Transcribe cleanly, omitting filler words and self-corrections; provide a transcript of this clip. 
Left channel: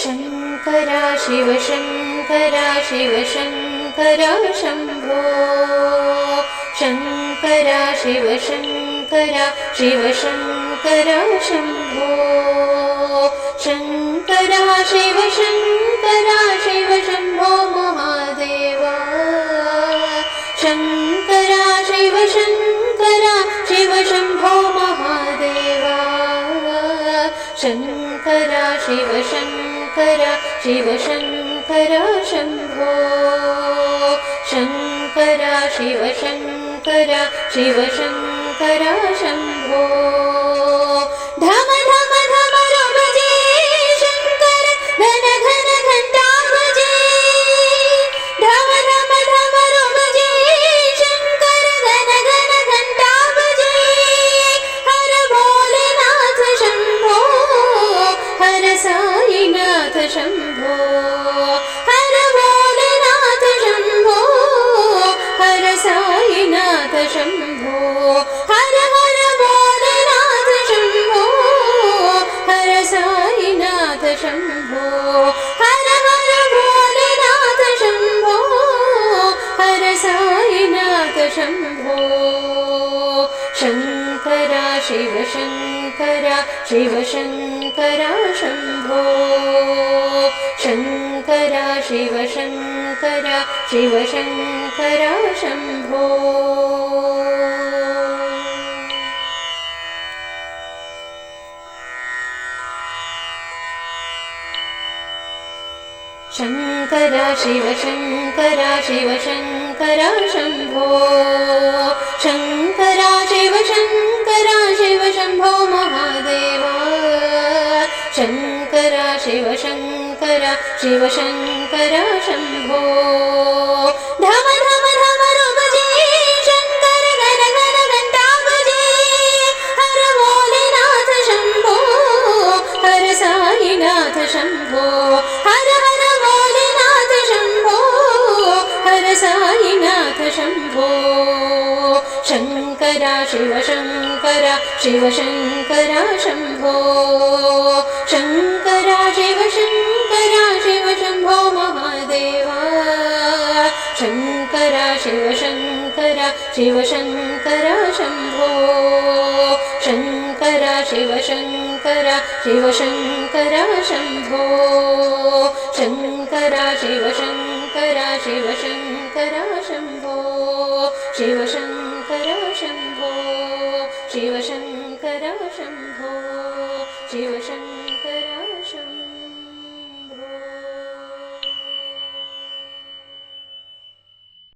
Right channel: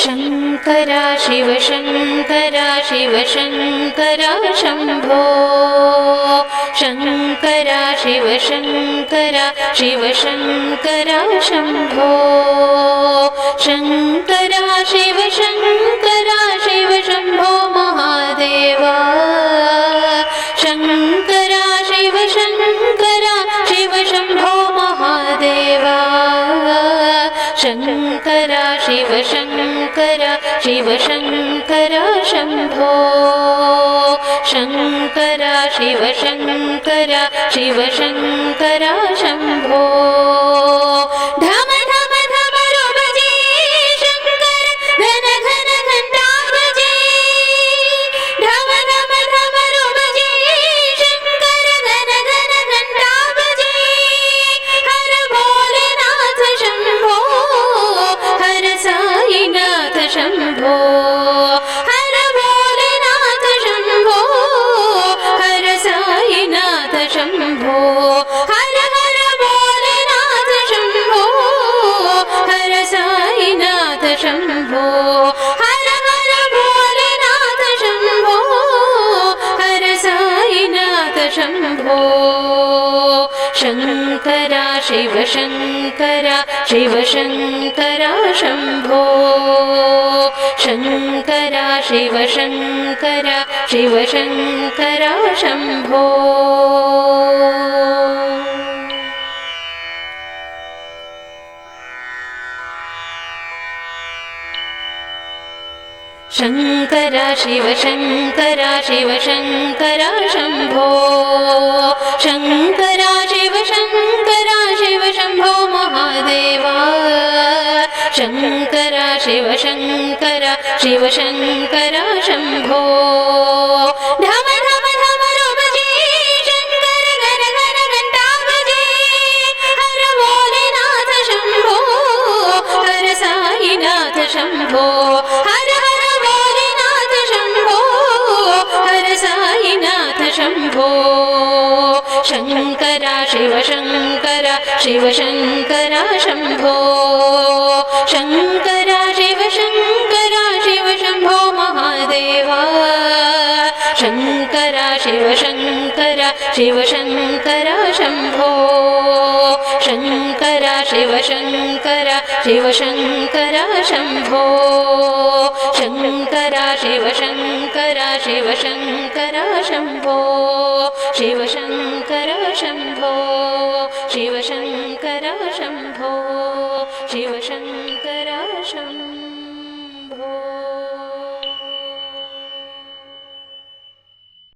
शङ्कर शिव शङ्कर शिव शङ्कर शम्भो शङ्कर शिव शङ्कर शिव शङ्कर शम्भो शङ्कर शिव शङ्कर शिव शम्भो महादेवा शङ्कर शिव शङ्कर शिव शम्भो महादेवा शङ्कर शिव शङ्कर शिव शङ्कर शम्भो शङ्कर शिव शङ्कर शिव शङ्कर शम्भो धम धम धमरु भजे शङ्कर घन घन घण्टा भजे धम धम धमरु भजे शङ्कर घन घन घण्टा भजे हर भोलेनाथ शम्भो हर साईनाथ शम्भो हर भोलेनाथ शम्भो हर साईनाथ शम्भो हर हर भोलेनाथ शम्भो हर साईनाथ शम्भो हर हर भोलेनाथ शम्भो हर साईनाथ शम्भो शङ्कर शिव शङ्कर शिव शङ्कर शम्भो शङ्कर शिव शङ्कर शिव शङ्कर शम्भो शङ्कर शिव शङ्कर शिव शङ्कर शम्भो शङ्कर शिव शङ्कर शिव शम्भो महादेवा शङ्कर शिव शङ्कर शिव शङ्कर शम्भो धम धम धमरु भजे शङ्कर घन घन घण्टा भजे हर भोलेनाथ शम्भो हर साईनाथ शम्भो हर हर भोलेनाथ शम्भो हर साईनाथ शम्भो शङ्कर शिव शङ्कर शिव शङ्कर शम्भो शङ्कर शिव शङ्कर शिव शम्भो महादेवा शङ्कर शिव शङ्कर शिव शङ्कर शम्भो शङ्कर शिव शङ्कर शिव शङ्कर शम्भो शङ्कर शिव शङ्कर शिव शङ्कर शम्भो शिव शङ्कर शम्भो शिव शङ्कर शम्भो शिव शङ्कर शम्भो